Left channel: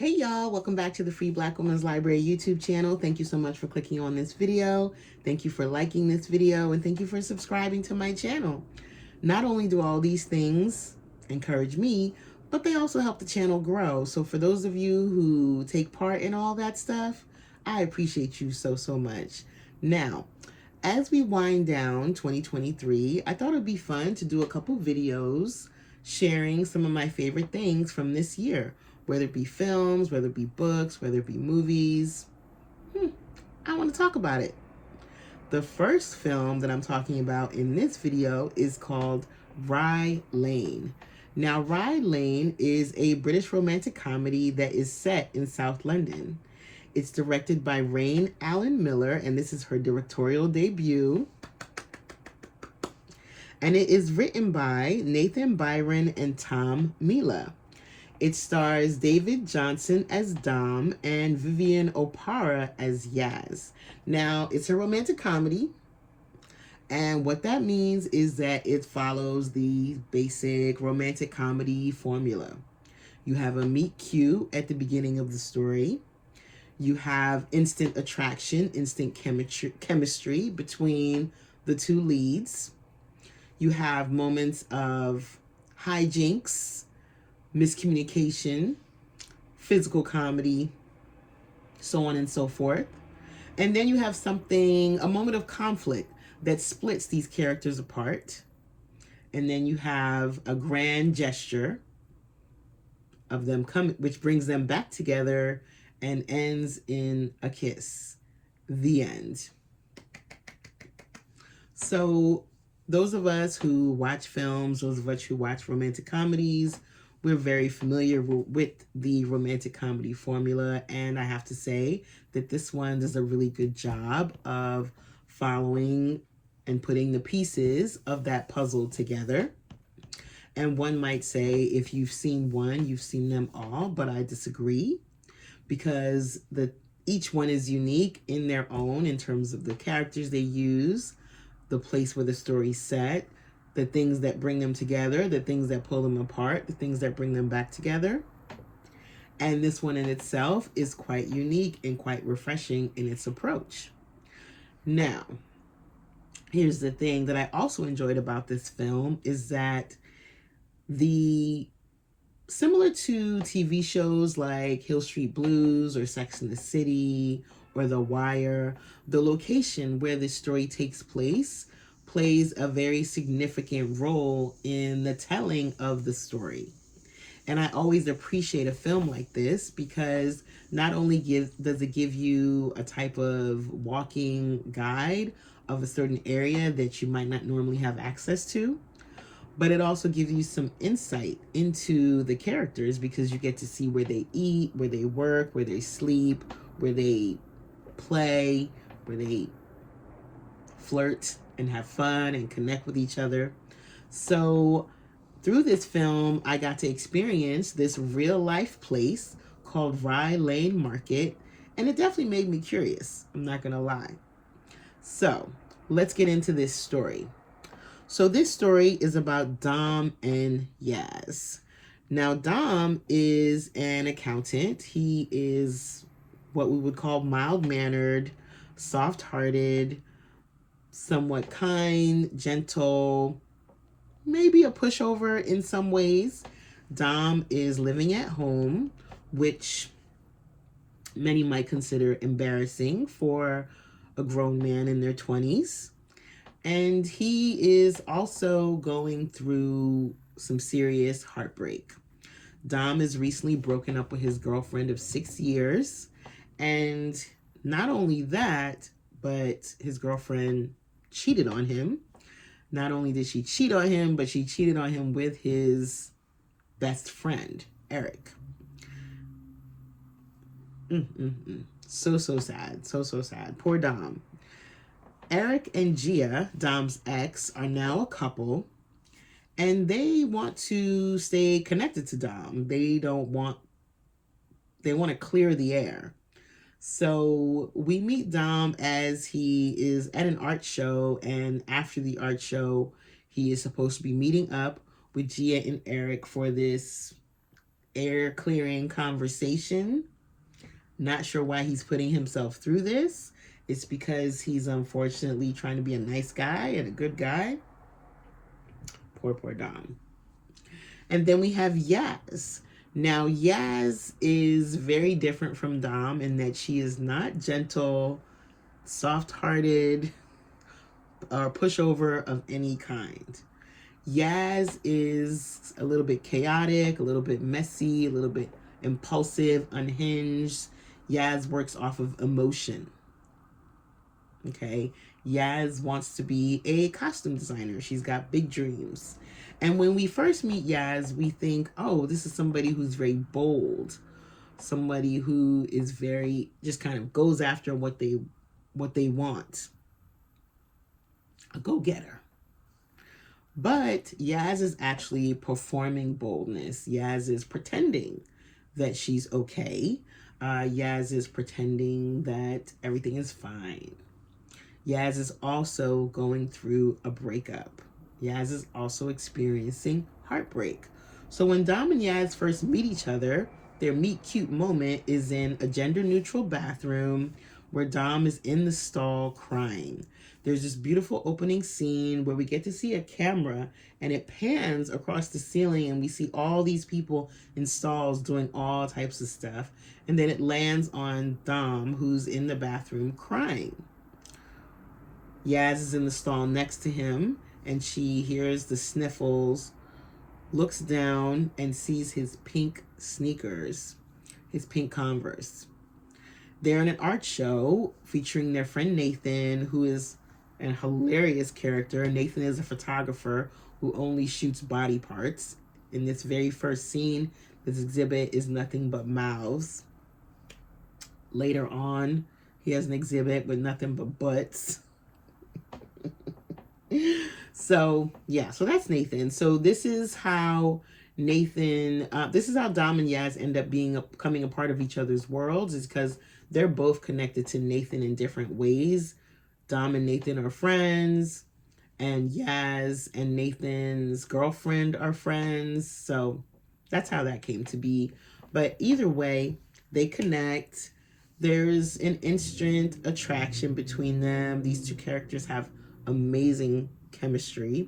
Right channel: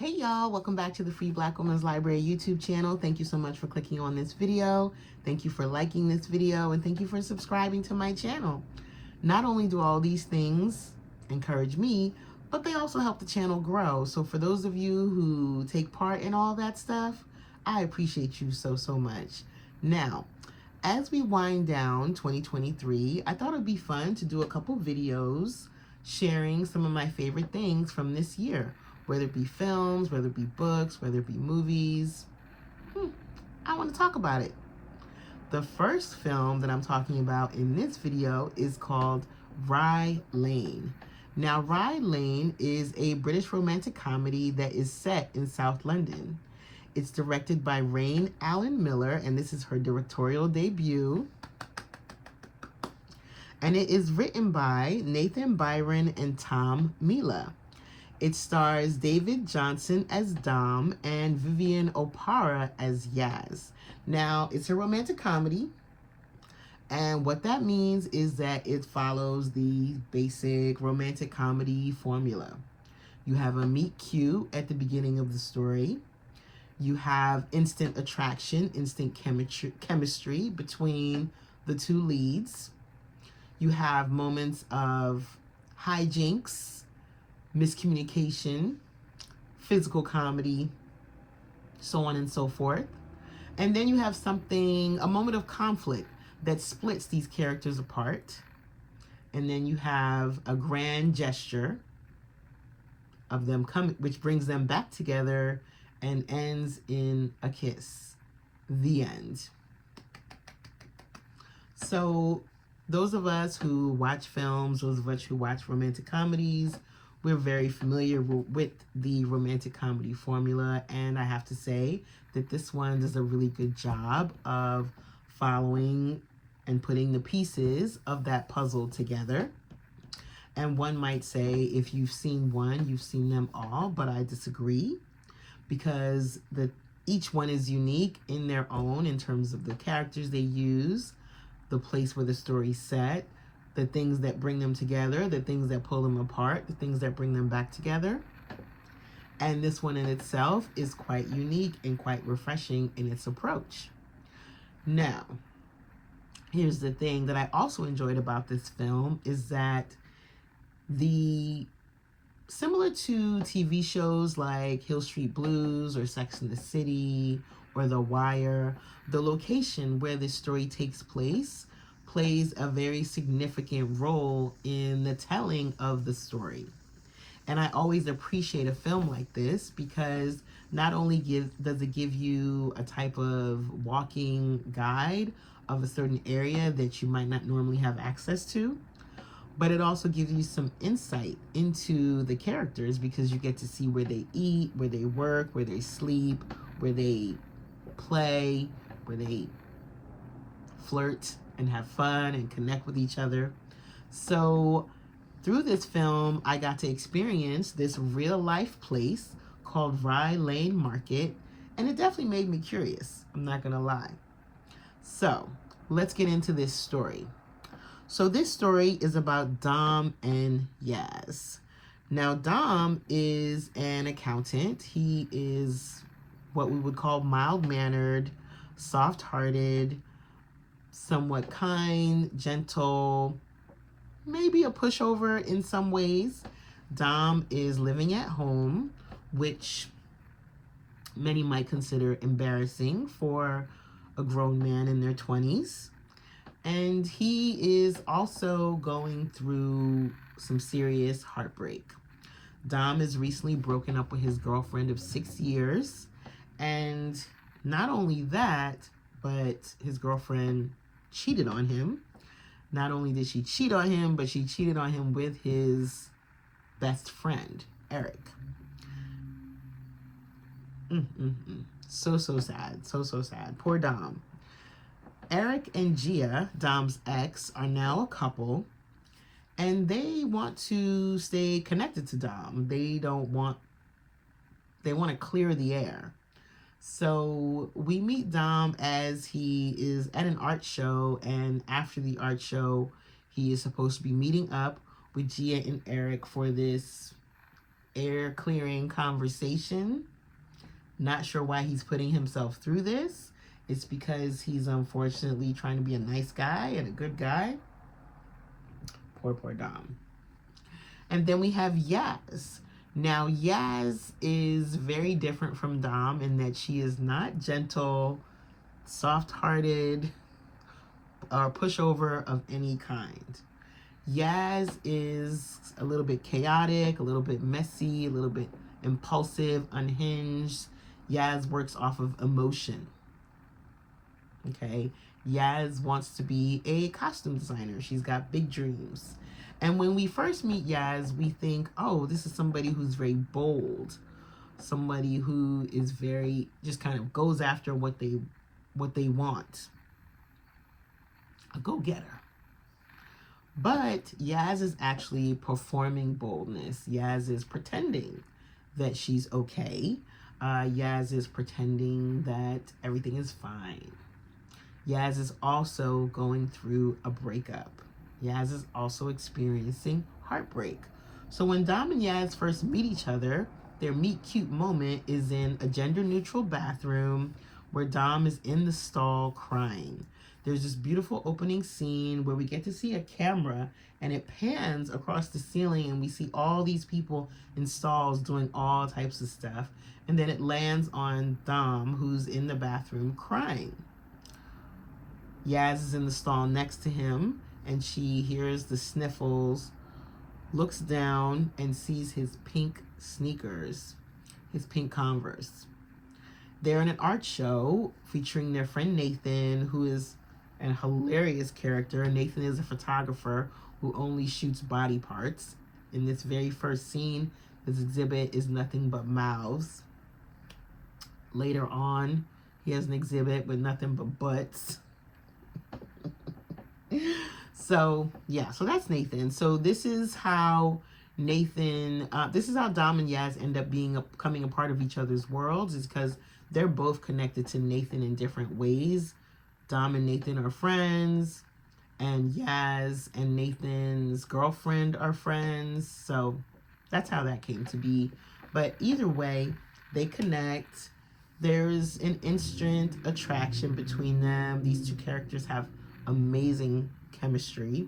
Hey y'all, welcome back to the Free Black Women's Library YouTube channel. Thank you so much for clicking on this video. Thank you for liking this video, and thank you for subscribing to my channel. Not only do all these things encourage me, but they also help the channel grow. So for those of you who take part in all that stuff, I appreciate you so much. Now, as we wind down 2023, I thought it'd be fun to do a couple videos sharing some of my favorite things from this year. Whether it be films, whether it be books, whether it be movies. I want to talk about it. The first film that I'm talking about in this video is called RYE LANE. Now, RYE LANE is a British romantic comedy that is set in South London. It's directed by RYE Miller, and this is her directorial debut. And it is written by Nathan Byron and Tom Mila. It stars David Johnson as Dom and Vivian Opara as Yaz. Now, it's a romantic comedy, and what that means is that it follows the basic romantic comedy formula. You have a meet cute at the beginning of the story. You have instant attraction, instant chemistry between the two leads. You have moments of hijinks, miscommunication, physical comedy, so on and so forth. And then you have a moment of conflict that splits these characters apart. And then you have a grand gesture of them coming, which brings them back together and ends in a kiss. The end. So those of us who watch films, those of us who watch romantic comedies, we're very familiar with the romantic comedy formula, and I have to say that this one does a really good job of following and putting the pieces of that puzzle together. And one might say, if you've seen one, you've seen them all, but I disagree, because each one is unique in their own in terms of the characters they use, the place where the story's set, the things that bring them together, the things that pull them apart, the things that bring them back together. And this one in itself is quite unique and quite refreshing in its approach. Now, here's the thing that I also enjoyed about this film is that similar to TV shows like Hill Street Blues or Sex and the City or The Wire, the location where this story takes place plays a very significant role in the telling of the story. And I always appreciate a film like this because not only does it give you a type of walking guide of a certain area that you might not normally have access to, but it also gives you some insight into the characters because you get to see where they eat, where they work, where they sleep, where they play, where they flirt and have fun and connect with each other. So through this film, I got to experience this real life place called RYE Lane Market, and it definitely made me curious, I'm not gonna lie. So let's get into this story. So this story is about Dom and Yaz. Now, Dom is an accountant. He is what we would call mild-mannered, soft-hearted, somewhat kind, gentle, maybe a pushover in some ways. Dom is living at home, which many might consider embarrassing for a grown man in their 20s. And he is also going through some serious heartbreak. Dom is recently broken up with his girlfriend of 6 years. And not only that, but his girlfriend cheated on him. Not only did she cheat on him, but she cheated on him with his best friend, Eric. So sad. So sad. Poor Dom. Eric and Gia, Dom's ex, are now a couple, and they want to stay connected to Dom. They want to clear the air. So we meet Dom as he is at an art show, and after the art show, he is supposed to be meeting up with Gia and Eric for this air clearing conversation. Not sure why he's putting himself through this. It's because he's unfortunately trying to be a nice guy and a good guy. Poor Dom. And then we have Yaz. Now, Yaz is very different from Dom in that she is not gentle, soft-hearted, or pushover of any kind. Yaz is a little bit chaotic, a little bit messy, a little bit impulsive, unhinged. Yaz works off of emotion. Okay? Yaz wants to be a costume designer. She's got big dreams. And when we first meet Yaz, we think, oh, this is somebody who's very bold. Somebody who is very, just kind of goes after what they want. A go-getter. But Yaz is actually performing boldness. Yaz is pretending that she's okay. Yaz is pretending that everything is fine. Yaz is also going through a breakup. Yaz is also experiencing heartbreak. So when Dom and Yaz first meet each other, their meet cute moment is in a gender-neutral bathroom where Dom is in the stall crying. There's this beautiful opening scene where we get to see a camera and it pans across the ceiling and we see all these people in stalls doing all types of stuff. And then it lands on Dom, who's in the bathroom crying. Yaz is in the stall next to him and she hears the sniffles, looks down and sees his pink sneakers, his pink Converse. They're in an art show featuring their friend Nathan, who is a hilarious character. Nathan is a photographer who only shoots body parts. In this very first scene, this exhibit is nothing but mouths. Later on, he has an exhibit with nothing but butts. So, yeah, so that's Nathan. So this is how this is how Dom and Yaz end up becoming a part of each other's worlds, is because they're both connected to Nathan in different ways. Dom and Nathan are friends, and Yaz and Nathan's girlfriend are friends. So that's how that came to be. But either way, they connect. There's an instant attraction between them. These two characters have amazing chemistry.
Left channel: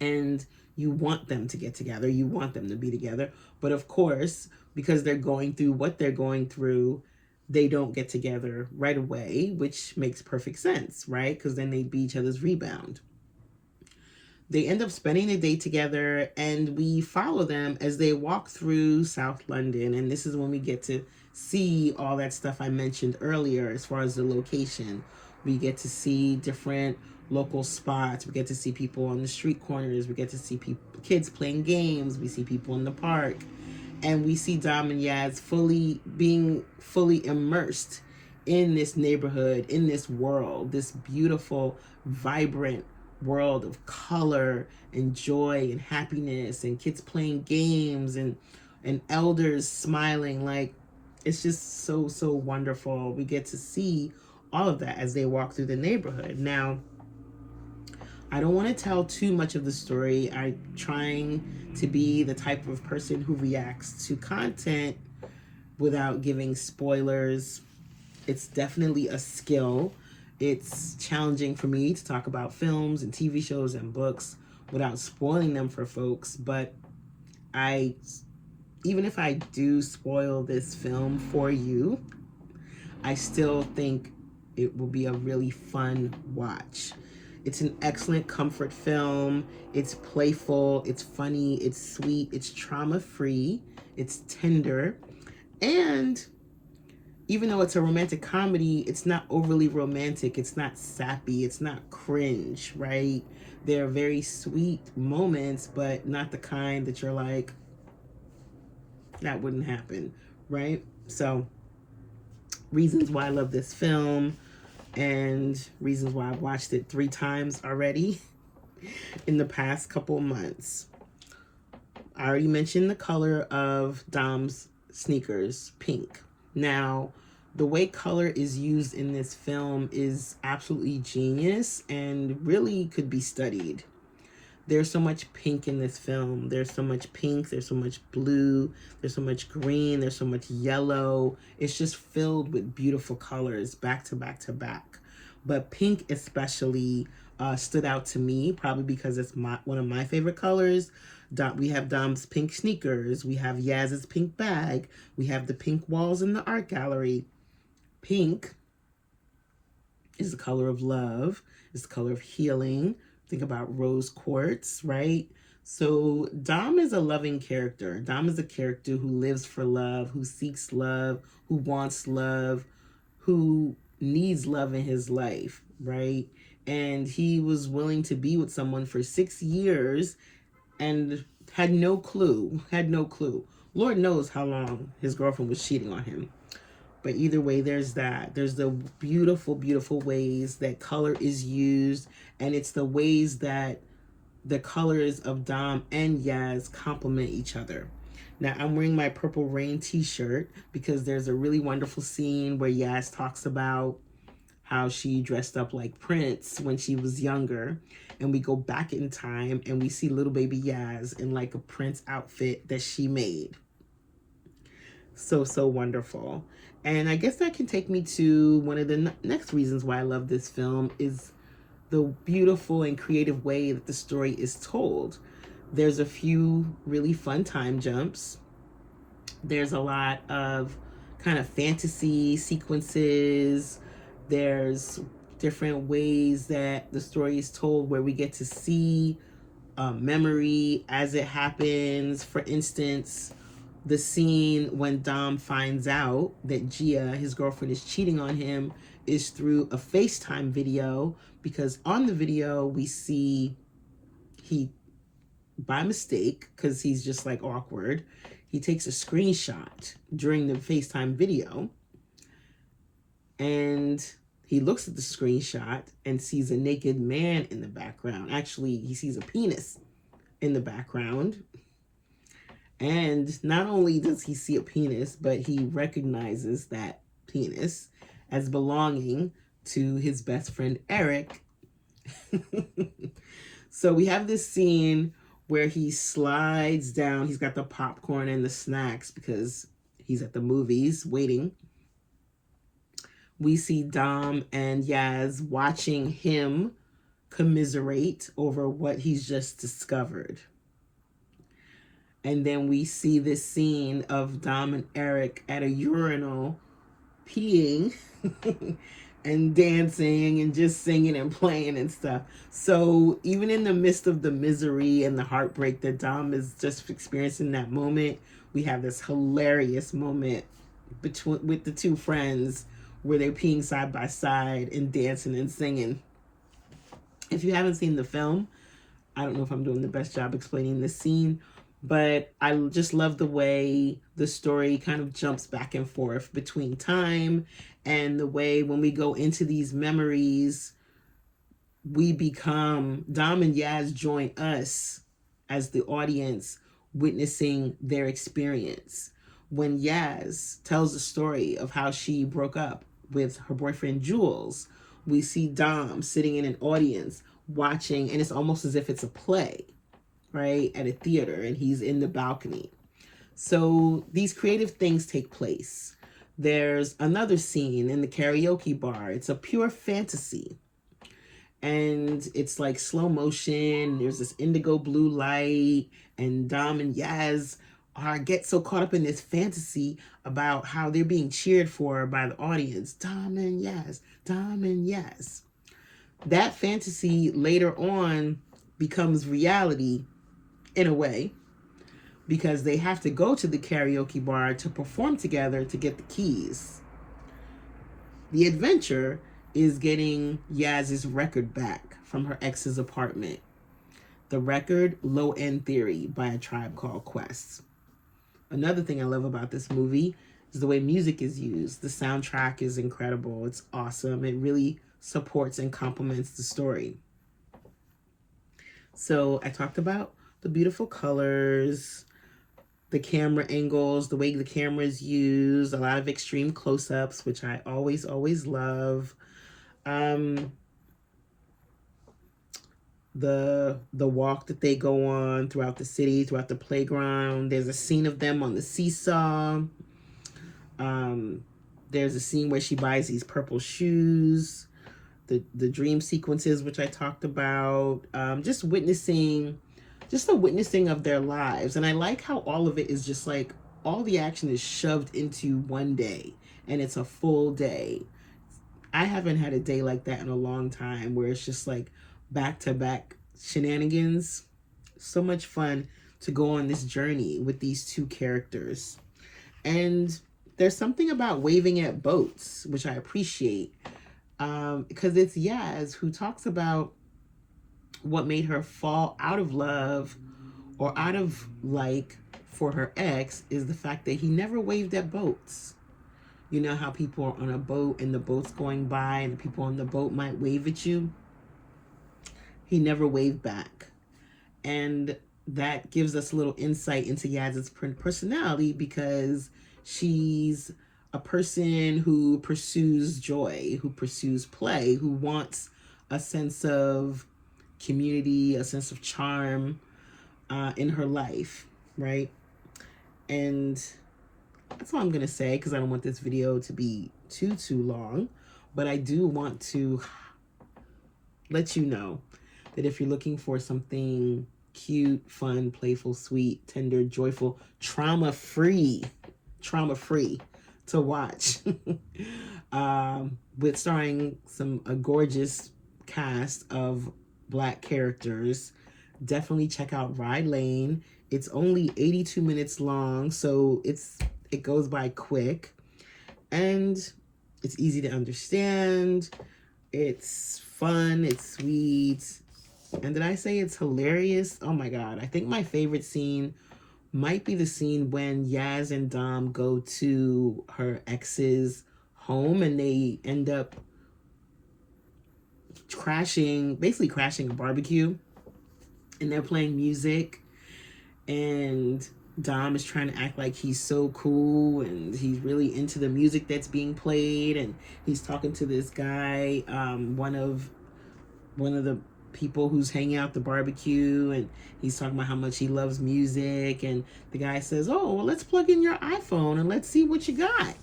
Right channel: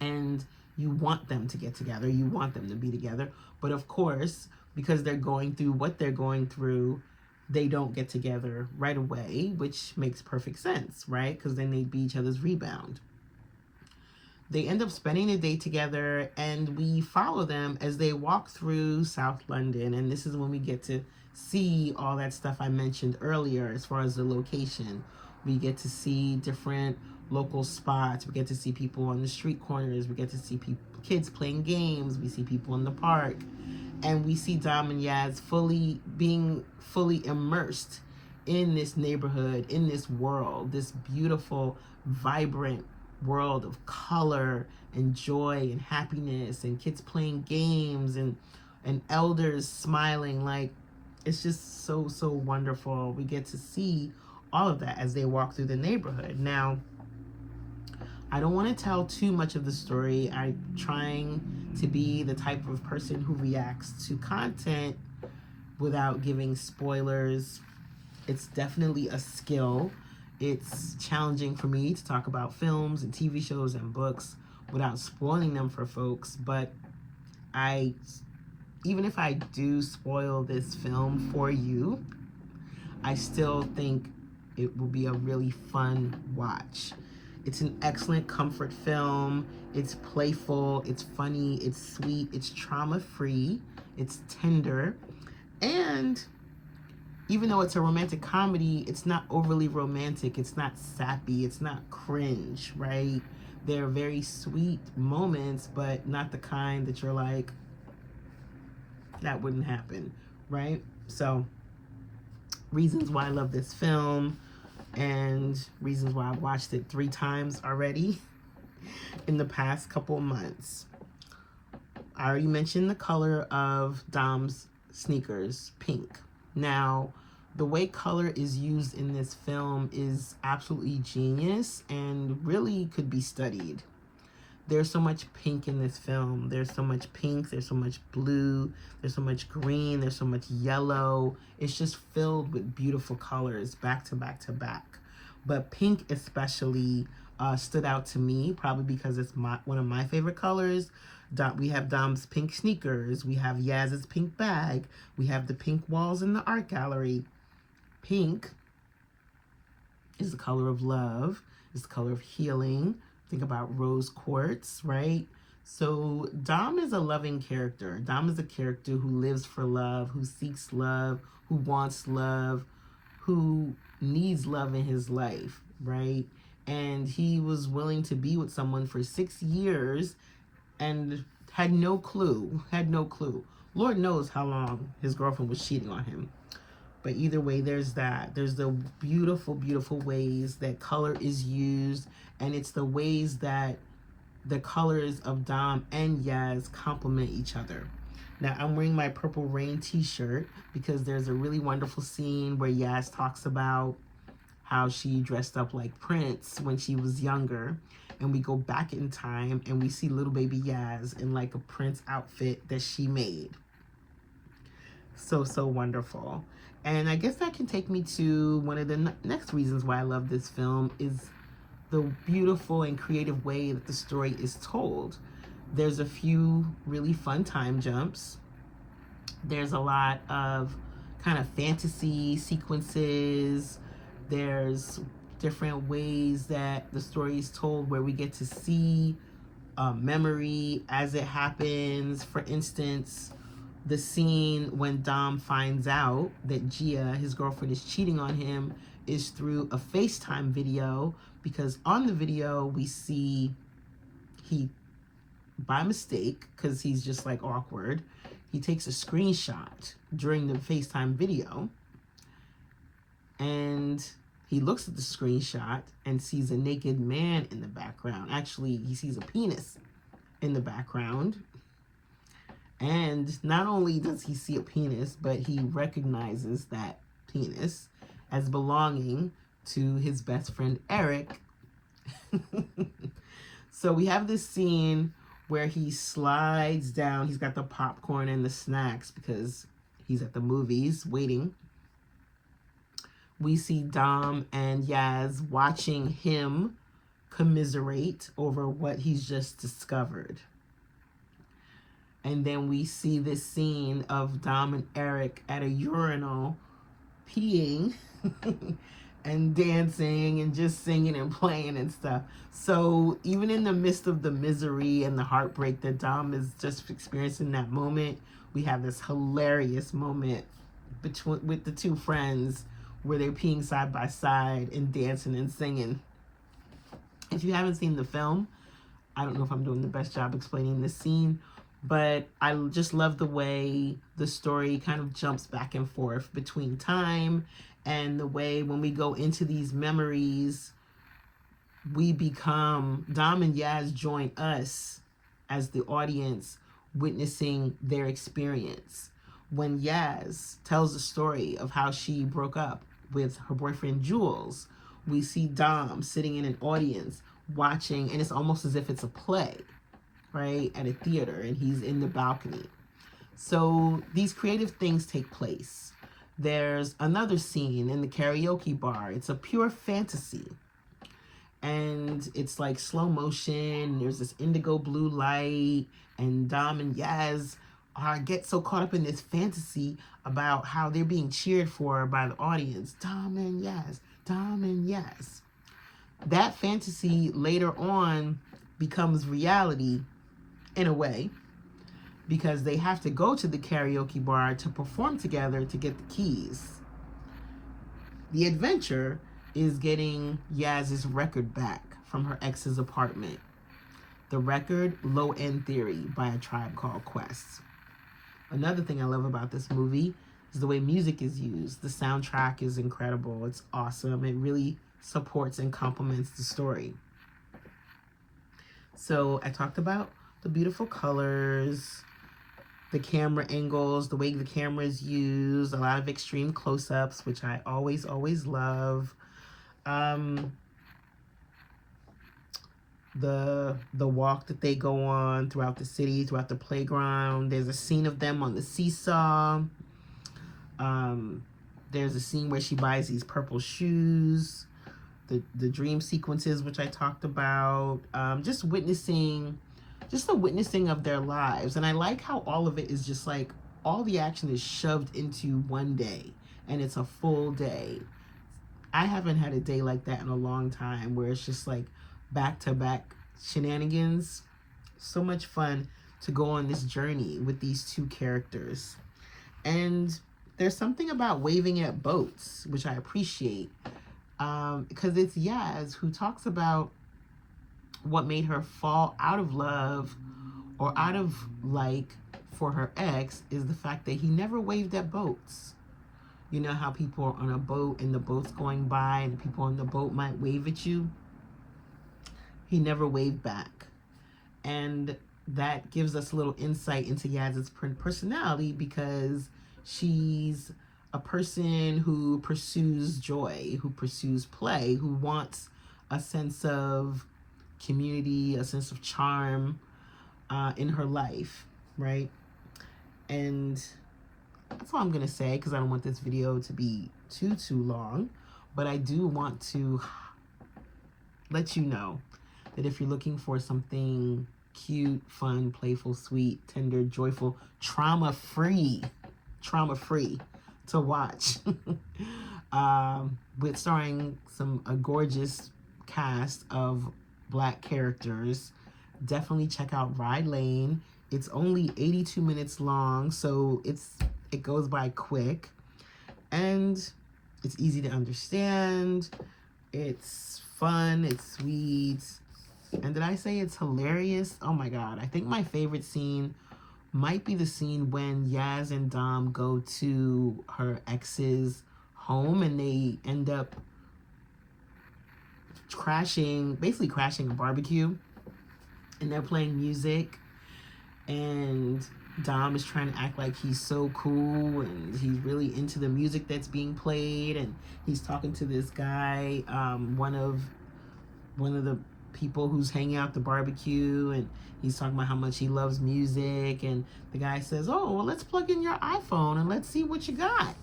And you want them to get together. You want them to be together. But of course, because they're going through what they're going through, they don't get together right away, which makes perfect sense, right? Because then they'd be each other's rebound. They end up spending the day together, and we follow them as they walk through South London. And this is when we get to see all that stuff I mentioned earlier as far as the location. We get to see different local spots. We get to see people on the street corners. We get to see kids playing games. We see people in the park. And we see Dom and Yaz being fully immersed in this neighborhood, in this world, this beautiful, vibrant world of color and joy and happiness and kids playing games and elders smiling. Like, it's just so, so wonderful. We get to see all of that as they walk through the neighborhood. Now, I don't want to tell too much of the story. I'm trying to be the type of person who reacts to content without giving spoilers. It's definitely a skill. It's challenging for me to talk about films and TV shows and books without spoiling them for folks. But even if I do spoil this film for you, I still think it will be a really fun watch. It's an excellent comfort film. It's playful, it's funny, it's sweet, it's trauma-free, it's tender. And even though it's a romantic comedy, it's not overly romantic, it's not sappy, it's not cringe, right? There are very sweet moments, but not the kind that you're like, that wouldn't happen, right? So, reasons why I love this film, and reasons why I've watched it 3 times already in the past couple of months. I already mentioned the color of Dom's sneakers, pink. Now, the way color is used in this film is absolutely genius and really could be studied. There's so much pink in this film. There's so much pink, there's so much blue, there's so much green, there's so much yellow. It's just filled with beautiful colors back to back to back. But pink especially stood out to me, probably because it's one of my favorite colors. We have Dom's pink sneakers. We have Yaz's pink bag. We have the pink walls in the art gallery. Pink is the color of love. It's the color of healing. Think about rose quartz, right? So Dom is a loving character. Dom is a character who lives for love, who seeks love, who wants love, who needs love in his life, right? And he was willing to be with someone for 6 years and had no clue. Lord knows how long his girlfriend was cheating on him. But either way, there's that. There's the beautiful, beautiful ways that color is used, and it's the ways that the colors of Dom and Yaz complement each other. Now, I'm wearing my Purple Rain t-shirt because there's a really wonderful scene where Yaz talks about how she dressed up like Prince when she was younger. And we go back in time and we see little baby Yaz in like a Prince outfit that she made. So, so wonderful. And I guess that can take me to one of the next reasons why I love this film is the beautiful and creative way that the story is told. There's a few really fun time jumps. There's a lot of kind of fantasy sequences. There's different ways that the story is told where we get to see memory as it happens. For instance, the scene when Dom finds out that Gia, his girlfriend, is cheating on him is through a FaceTime video, because on the video we see he, by mistake, because he's just like awkward, he takes a screenshot during the FaceTime video and he looks at the screenshot and sees a naked man in the background. Actually, he sees a penis in the background. And not only does he see a penis, but he recognizes that penis as belonging to his best friend, Eric. So we have this scene where he slides down. He's got the popcorn and the snacks because he's at the movies waiting. We see Dom and Yaz watching him commiserate over what he's just discovered. And then we see this scene of Dom and Eric at a urinal peeing and dancing and just singing and playing and stuff. So even in the midst of the misery and the heartbreak that Dom is just experiencing in that moment, we have this hilarious moment with the two friends where they're peeing side by side and dancing and singing. If you haven't seen the film, I don't know if I'm doing the best job explaining this scene, but I just love the way the story kind of jumps back and forth between time and the way when we go into these memories, we become, Dom and Yaz join us as the audience witnessing their experience. When Yaz tells the story of how she broke up with her boyfriend Jules, we see Dom sitting in an audience watching, and it's almost as if it's a play, right, at a theater, and he's in the balcony. So these creative things take place. There's another scene in the karaoke bar. It's a pure fantasy. And it's like slow motion. There's this indigo blue light, and Dom and Yaz get so caught up in this fantasy about how they're being cheered for by the audience. Dom and Yaz, Dom and Yaz. That fantasy later on becomes reality in a way, because they have to go to the karaoke bar to perform together to get the keys. The adventure is getting Yaz's record back from her ex's apartment. The record, Low End Theory by A Tribe Called Quest. Another thing I love about this movie is the way music is used. The soundtrack is incredible. It's awesome. It really supports and complements the story. So I talked about the beautiful colors, the camera angles, the way the camera is used, a lot of extreme close-ups, which I always love. the walk that they go on throughout the city, throughout the playground. There's a scene of them on the seesaw. There's a scene where she buys these purple shoes. The dream sequences, which I talked about. Just the witnessing of their lives. And I like how all of it is just like, all the action is shoved into one day, and it's a full day. I haven't had a day like that in a long time, where it's just like back-to-back shenanigans. So much fun to go on this journey with these two characters. And there's something about waving at boats, which I appreciate, because it's Yaz who talks about what made her fall out of love, or out of like, for her ex, is the fact that he never waved at boats. You know how people are on a boat and the boat's going by and the people on the boat might wave at you? He never waved back. And that gives us a little insight into Yaz's personality, because she's a person who pursues joy, who pursues play, who wants a sense of community, a sense of charm in her life, right? And that's all I'm going to say, because I don't want this video to be too long. But I do want to let you know that if you're looking for something cute, fun, playful, sweet, tender, joyful, trauma-free to watch, with starring a gorgeous cast of Black characters, definitely check out RYE LANE. It's only 82 minutes long, so it goes by quick, and it's easy to understand. It's fun, it's sweet, and did I say it's hilarious? Oh my god, I think my favorite scene might be the scene when Yaz and Dom go to her ex's home, and they end up basically crashing a barbecue, and they're playing music, and Dom is trying to act like he's so cool, and he's really into the music that's being played, and he's talking to this guy, one of the people who's hanging out at the barbecue, and he's talking about how much he loves music, and the guy says, oh, well, let's plug in your iPhone and let's see what you got.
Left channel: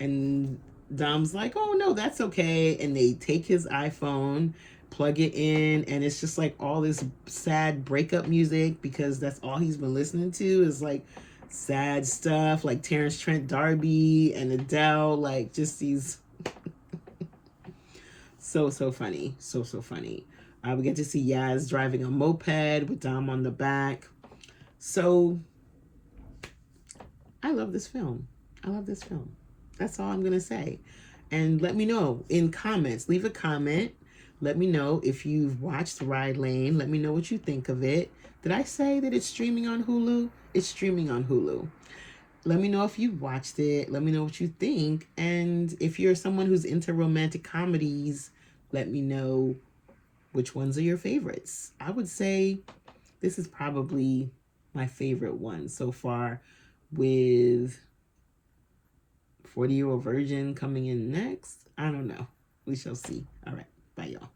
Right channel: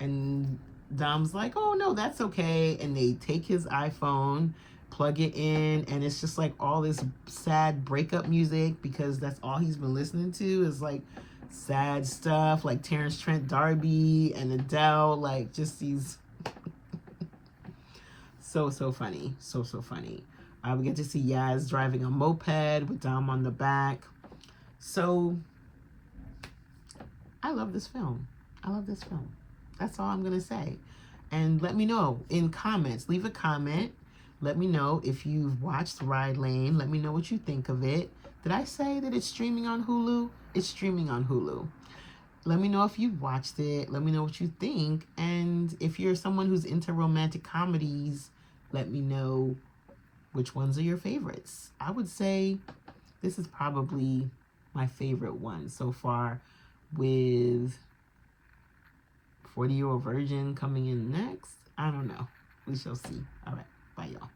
And Dom's like, oh no, that's okay. And they take his iPhone, plug it in, and it's just like all this sad breakup music, because that's all he's been listening to is like sad stuff, like Terrence Trent D'Arby and Adele, like just these so funny, so funny. We get to see Yaz driving a moped with Dom on the back. So I love this film. That's all I'm gonna say. And let me know in comments. Leave a comment. Let me know if you've watched RYE LANE. Let me know what you think of it. Did I say that it's streaming on Hulu? It's streaming on Hulu. Let me know if you've watched it. Let me know what you think. And if you're someone who's into romantic comedies, let me know which ones are your favorites. I would say this is probably my favorite one so far, with 40-Year-Old Virgin coming in next. I don't know. We shall see. All right. Bye, y'all.